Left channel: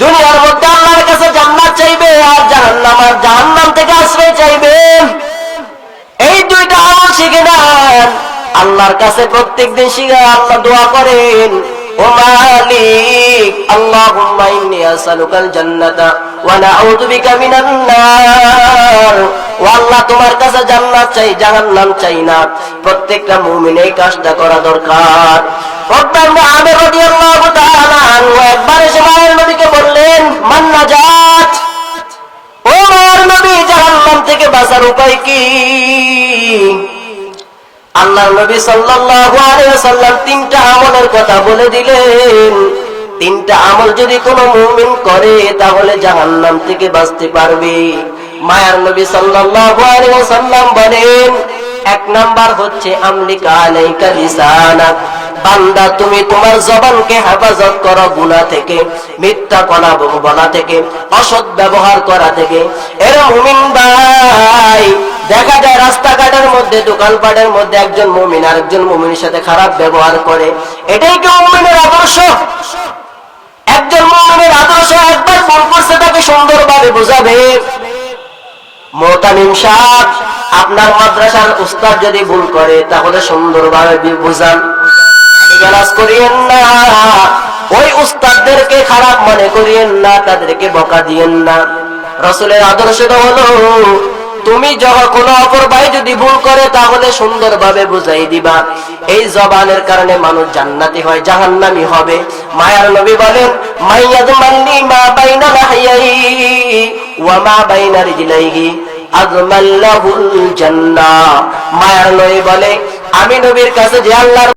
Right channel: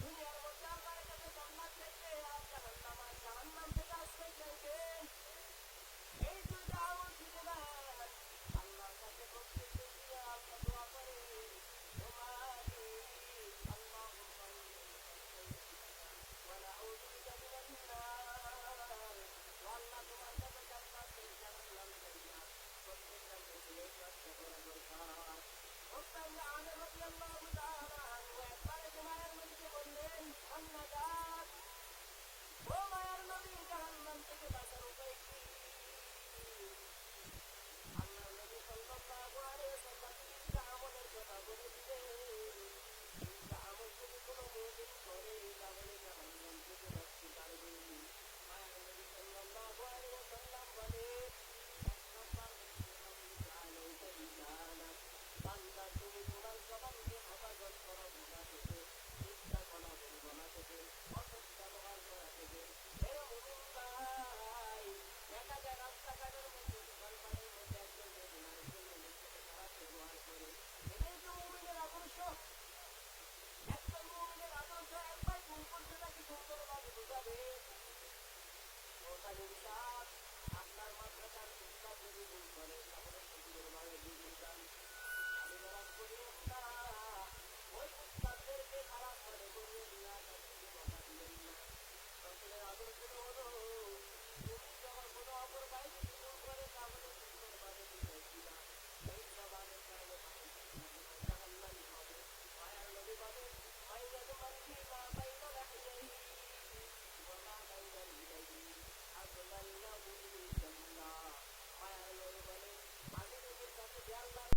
দুনিয়ার মধ্যে আল্লাহর কাছে জান্নাত চাইবে আর জাহান্নাম থেকে আশ্রয় চাইবে। এই দুইটা আমল শিখে নেন, আল্লাহর কাছে প্রত্যেকদিন শিখে আল্লাহ দোয়া করেন, ও মালিক আল্লাহুম্মা ইন্নী আসআলুকাল জান্নাতা ওয়া নাউযু বিকা মিনান নার। ও আল্লাহ, তোমার কাছে জান্নাত চাই, জাহান্নাম চাই না। প্রত্যেকটা মুমিন এই কাজটা করা দরকার। আমির রাদিয়াল্লাহু তাআলা আনহু একবার এসে মায়ের নবীকে বললেন, মান নাজাত, ও মায়ের নবী, জাহান্নাম থেকে বাঁচার উপায় কি? আল্লাহর নবী সাল্লাল্লাহু আলাইহি ওয়াসাল্লাম তিনটা আমলের কথা বলে দিলেন। তিনটা আমল যদি কোনো মুমিন করে তাহলে জাহান্নাম থেকে বাঁচতে পারবে। মায়ার নবী সাল্লাল্লাহু আলাইহি ওয়াসাল্লাম বলেন, এক নাম্বার হচ্ছে আমলিকা আলাইকা লিসানাক, বান্দা তুমি তোমার জবানকে হেফাজত করো গুনাহ থেকে, মিথ্যা কথা বলা থেকে, অসৎ ব্যবহার করা থেকে। এর মুমিন ভাই, দেখা যায় রাস্তাঘাটের মধ্যে, দোকানপাটের মধ্যে একজন মুমিন আরেকজন মুমিনের সাথে খারাপ ব্যবহার করে। এটাই কি মুমিনের আদর্শ? একজন মুমিনের আদর্শ একবার ভুল করছে তাকে সুন্দরভাবে বোঝাবে। মুতামিম সাহেব, আপনার মাদ্রাসার উস্তাদ যদি ভুল করে তাহলে সুন্দরভাবে বুঝান, গালাজ করিয়েন না। ওই উস্তাদদেরকে খারাপ মনে করিয়েন না, তাদেরকে বকা দিয়েন না। রাসূলের আদর্শটা হলো, তুমি যখন কোনো অপর ভাই যদি ভুল করে তাহলে সুন্দরভাবে বুঝাই দিবা। এই জবানের কারণে মানুষ জান্নাতি হয়, জাহান্নামী হবে। মায়ার নবী বলেন, মাইয়াদমান্নি মা বাইনা লাহইহি ওয়া মা বাইনা রিজলাইহি আযমাল্লাহুল জান্নাহ। মায়ার নবী বলে, আমি নবীর কাছে যে আল্লাহর